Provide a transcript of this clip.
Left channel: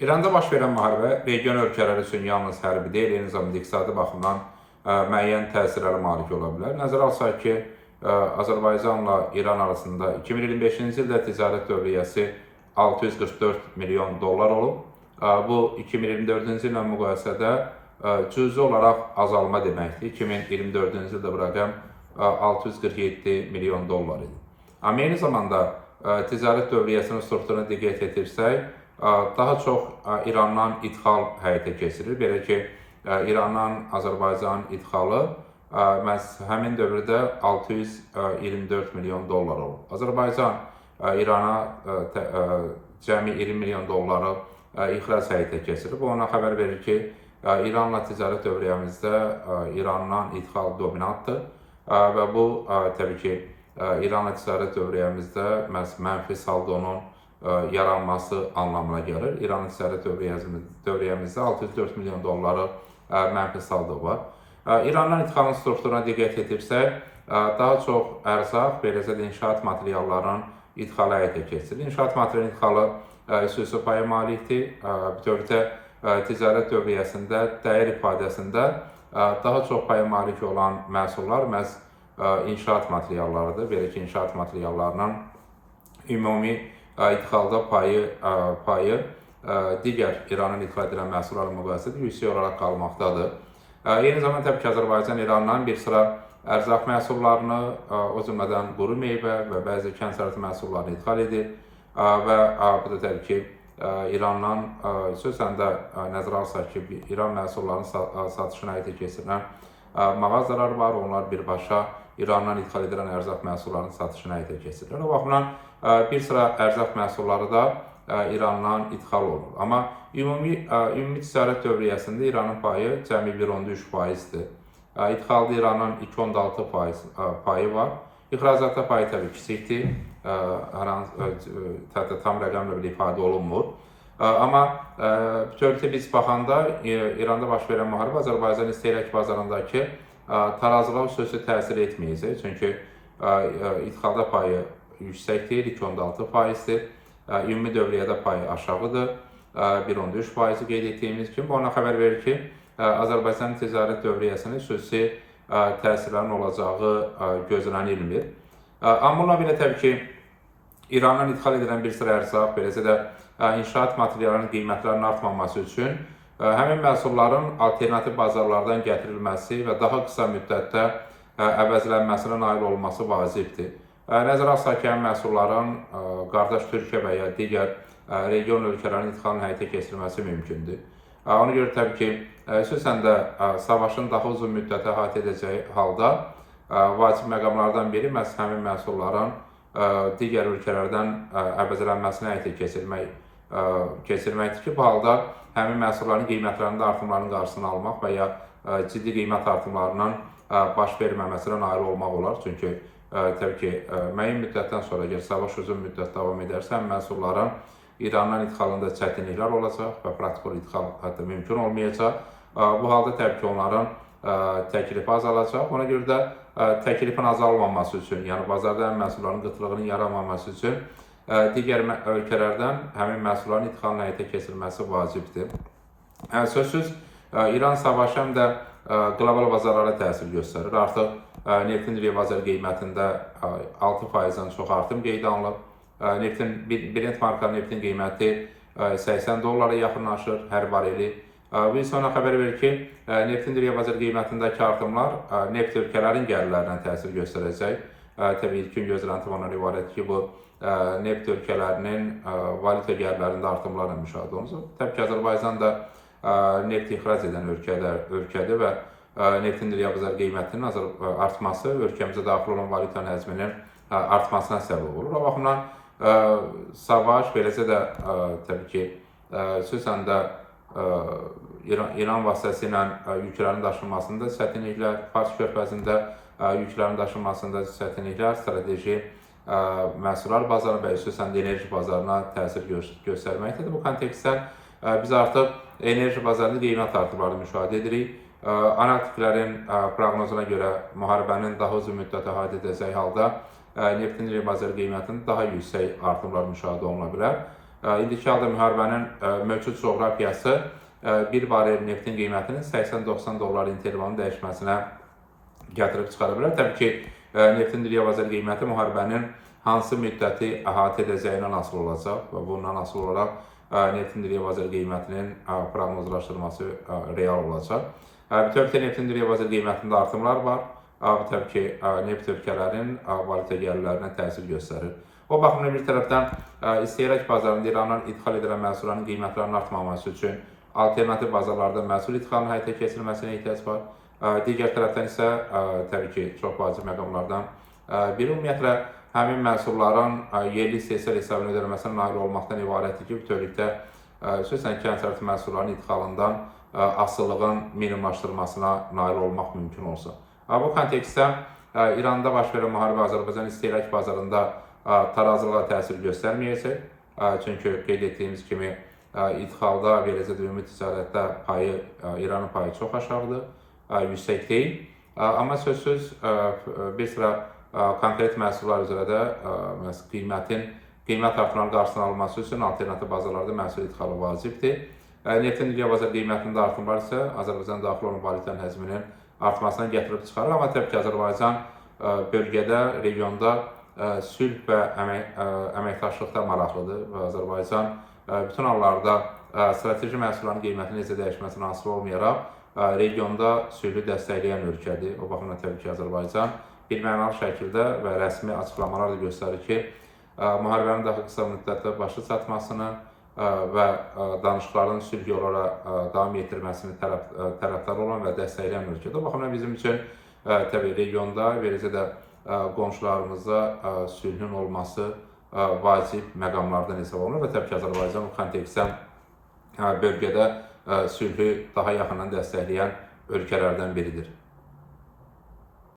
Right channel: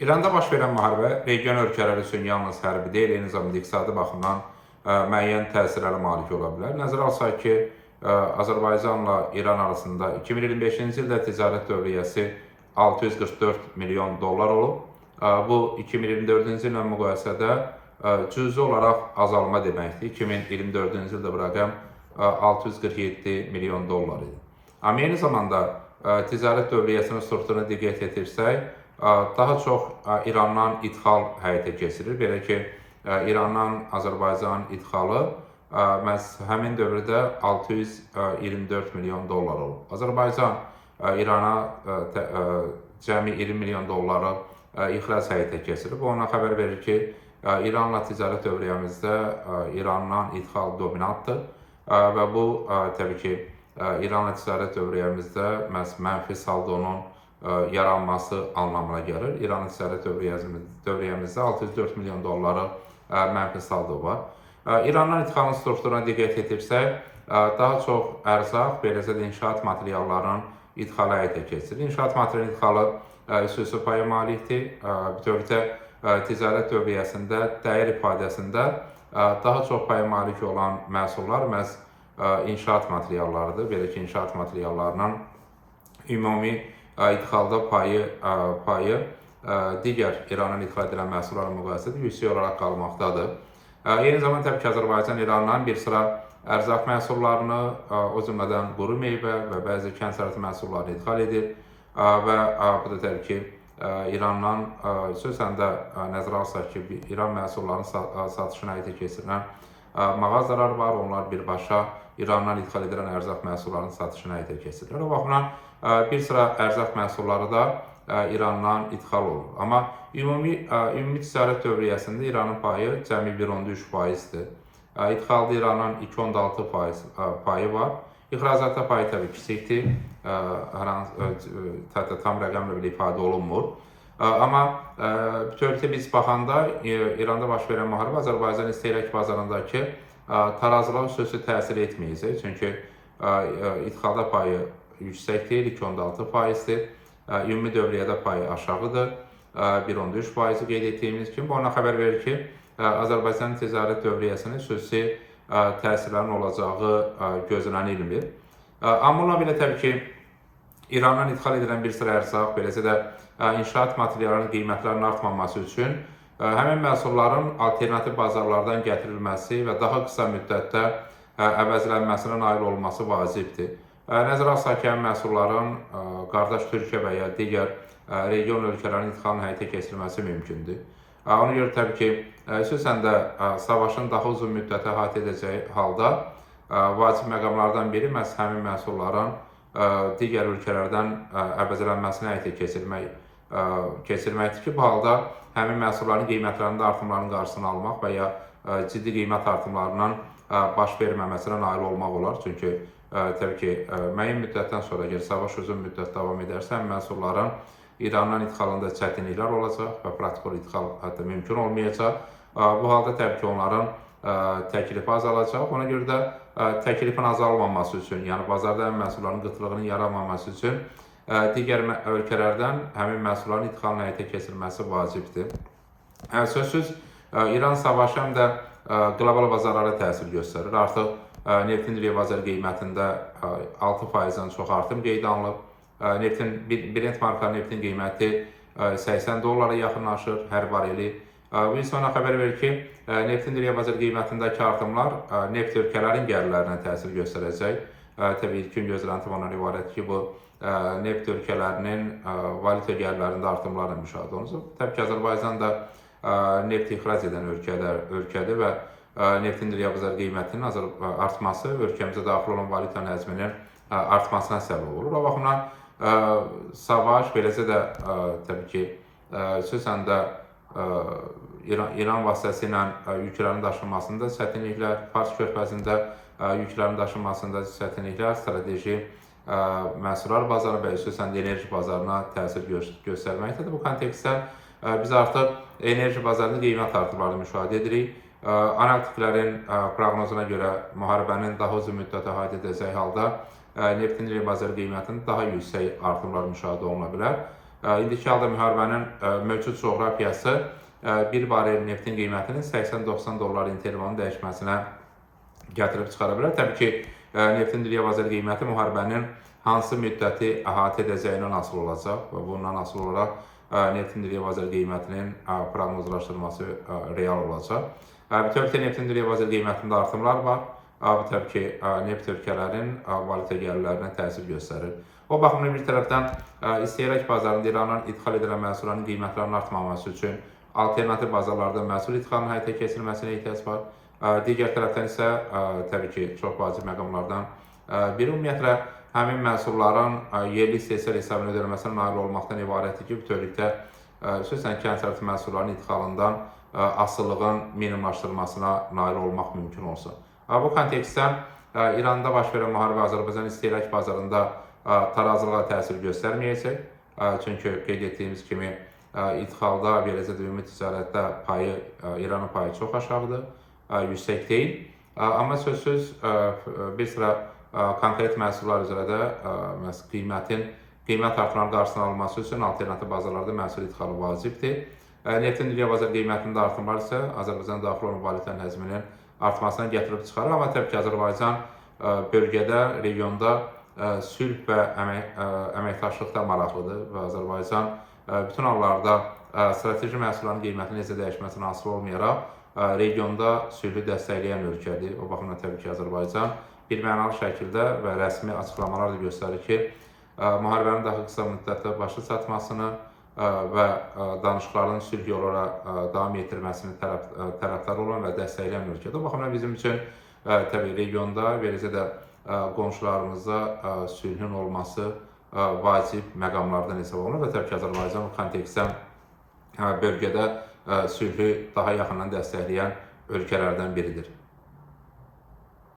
İranda baş verən müharibə region ölkələri üçün yalnız hərbi deyil, eyni zamanda iqtisadi baxımdan müəyyən təsirlərə malik ola bilər. Nəzərə alsaq ki, Azərbaycanla İran arasında 2025-ci ildə ticarət dövriyyəsi 644 milyon dollar olub. Bu 2024-cü illə müqayisədə cüzi olaraq azalma deməkdir. 2024-cü ildə bu rəqəm 647 milyon dollar idi. Amma eyni zamanda ticarət dövriyyəsinin strukturuna diqqət etirsək, daha çox İrandan ixal həyata keçirilir. Belə ki, İrandan Azərbaycan ixalı məhz həmin dövrdə 624 milyon dollar olub. Azərbaycan İrana cəmi 20 milyon dolları ixrac həyata keçirir. Bu ona xəbər verir ki, İranla ticarət dövriyyəmizdə İrandan ixal dominantdır və bu təbii ki, İranla ticarət dövriyyəmizdə məhz mənfi saldonun yaranması anlamına gəlir. İranın ticarət dövriyyəmizdə 604 milyon dolları mənfi saldo var. İrandan ixalın strukturuna diqqət etirsək, daha çox ərzaq, beləcə də inşaat materiallarının ixalı həyata keçirilir. İnşaat materialının ixalı xüsusi paya malikdir. Bütövlükdə ticarət dövriyyəsində dəyər ifadəsində daha çox paya malik olan məhsullar məhz inşaat materiallarıdır. Belə ki, inşaat materiallarının ümumi ixalda payı digər İranın ixal edilən məhsullarla müqayisədə yüksək olaraq qalmaqdadır. Eyni zamanda təbii ki, Azərbaycan İrandan bir sıra ərzaq məhsullarını, o cümlədən quru meyvə və bəzi kənd sərvəti məhsullarını ixal edir və bu da təbii ki, İrandan xüsusən də nəzərə alsaq ki, İran məhsullarının satışına həyata keçirilən mağazalar var, onlar birbaşa İrandan ixal edilən ərzaq məhsullarının satışına həyata keçirilir. O baxımdan bir sıra ərzaq məhsulları da İrandan ixal olunur. Amma ümumi ticarət dövriyyəsində İranın payı cəmi 1.3%-dir. İxalda İranın 2.6% payı var. İxracatda payı təbii kiçikdir. Tam rəqəmlə belə ifadə olunmur. Amma bütövlükdə biz baxanda İranda baş verən müharibə Azərbaycan istehlak bazarındakı tarazlığa xüsusi təsir etməyəcək. Çünki ixalda payı yüksək deyil, 2.6%-dir. Ümumi dövriyyədə payı aşağıdır, 1.3% qeyd etdiyimiz kimi. Bu ona xəbər verir ki, Azərbaycanın ticarət dövriyyəsinin xüsusi təsirlərinin olacağı gözlənilmir. Amma bununla belə təbii ki, İrandan ixal edilən bir sıra ərzaq, beləcə də inşaat materiallarının qiymətlərinin artmaması üçün həmin məhsulların alternativ bazarlardan gətirilməsi və daha qısa müddətdə əvəzlənməsinə nail olması vacibdir. Nəzərə alsaq ki, həmin məhsulların qardaş Türkiyə və ya digər region ölkələrin ixalının həyata keçirilməsi mümkündür. Ona görə təbii ki, xüsusən də savaşın daha uzun müddətə əhatə edəcəyi halda vacib məqamlardan biri məhz həmin məhsulların digər ölkələrdən əvəzlənməsinə həyata keçirməkdir ki, bu halda həmin məhsulların qiymətlərində artımların qarşısını almaq və ya ciddi qiymət artımlarının baş verməməsinə nail olmaq olar. Çünki təbii ki, müəyyən müddətdən sonra, əgər savaş uzun müddət davam edərsə, həmin məhsulların İrandan ixalında çətinliklər olacaq və praktik ixal hətta mümkün olmayacaq. Bu halda təbii ki, onların təklifi azalacaq. Ona görə də təklifin azalmaması üçün, yəni bazarda həmin məhsulların qıtlığının yaranmaması üçün digər ölkələrdən həmin məhsulların ixalının həyata keçirilməsi vacibdir. Sözsüz, İran savaşı həm də qlobal bazarlara təsir göstərir. Artıq neftin dünya bazar qiymətində 6%-dən çox artım qeydə alınıb. Brent marka neftin qiyməti 80 dollara yaxınlaşır hər bareli. Bu isə ona xəbər verir ki, neftin dünya bazar qiymətindəki artımlar neft ölkələrin gəlirlərinə təsir göstərəcək. Təbii ilkin gözlənti ondan ibarət ki, bu neft ölkələrinin valyuta gəlirlərində artımlarla müşahidə olunur. Təbii ki, Azərbaycan da neft ixrac edən ölkədir və neftin dünya bazar qiymətinin artması ölkəmizə daxil olan valyutanın həcminin artmasına səbəb olur. O baxımdan savaş, beləcə də təbii ki, xüsusən də İran vasitəsilə yüklərin daşınmasında çətinliklər, Fars körfəzində yüklərin daşınmasında çətinliklər, strateji məhsullar bazarı və xüsusən də enerji bazarına təsir göstərməkdədir. Bu kontekstdə biz artıq enerji bazarında qiymət artımlarını müşahidə edirik. Analitiklərin proqnozuna görə müharibənin daha uzun müddət əhatə edəcəyi halda neftin bazar qiymətində daha yüksək artımlar müşahidə oluna bilər. İndiki halda müharibənin mövcud coğrafiyası bir barel neftin qiymətinin 80-90 dollar intervalının dəyişməsinə gətirib çıxara bilər. Təbii ki, neftin dünya bazar qiyməti müharibənin hansı müddəti əhatə edəcəyindən asılı olacaq və bundan asılı olaraq neftin dünya bazar qiymətinin proqnozlaşdırılması real olacaq. Bütövlükdə neftin dünya bazar qiymətində artımlar var. Bu təbii ki, neft ölkələrin valyuta gəlirlərinə təsir göstərir. O baxımdan bir tərəfdən istehlak bazarında İrandan ixal edilən məhsulların qiymətlərinin artmaması üçün alternativ bazarlarda məhsul ixalının həyata keçirilməsinə ehtiyac var. Digər tərəfdən isə təbii ki, çox vacib məqamlardan biri ümumiyyətlə həmin məhsulların yerli istehsal hesabına ödənilməsinə nail olmaqdan ibarətdir ki, bütövlükdə xüsusən kənd təsərrüfatı məhsullarının idxalından asılılığın minimumlaşdırılmasına nail olmaq mümkün olsun. Bu kontekstdə İranda baş verən müharibə Azərbaycan istehlak bazarında tarazılığa təsir göstərməyəcək. Çünki qeyd etdiyimiz kimi idxalda və eləcə də ümumi ticarətdə payı, İranın payı çox aşağıdır, yüksək deyil. Amma sözsüz bir sıra konkret məhsullar üzrə də qiymət artımlarının qarşısının alınması üçün alternativ bazarlarda məhsul idxalı vacibdir. Neftin dünya bazar qiymətində artımlar isə Azərbaycan daxil olan valyutanın həcminin artmasına gətirib çıxarır. Amma təbii ki, Azərbaycan bölgədə, regionda sülh və əməkdaşlıqda maraqlıdır və Azərbaycan bütün hallarda strateji məhsulların qiymətinin necə dəyişməsinə asılı olmayaraq regionda sülhü dəstəkləyən ölkədir. O baxımdan təbii ki, Azərbaycan birmənalı şəkildə və rəsmi açıqlamalar da göstərir ki, müharibənin daha qısa müddətdə başa çatmasını və danışıqların sülh yolu ilə davam etdirilməsini tərəfdar olan və dəstəkləyən ölkədir. O baxımdan bizim üçün təbii regionda və eləcə də qonşularımızda sülhün olması vacib məqamlardan hesab olunur və təbii ki, Azərbaycan bu kontekstdə bölgədə sülhü daha yaxından dəstəkləyən ölkələrdən biridir.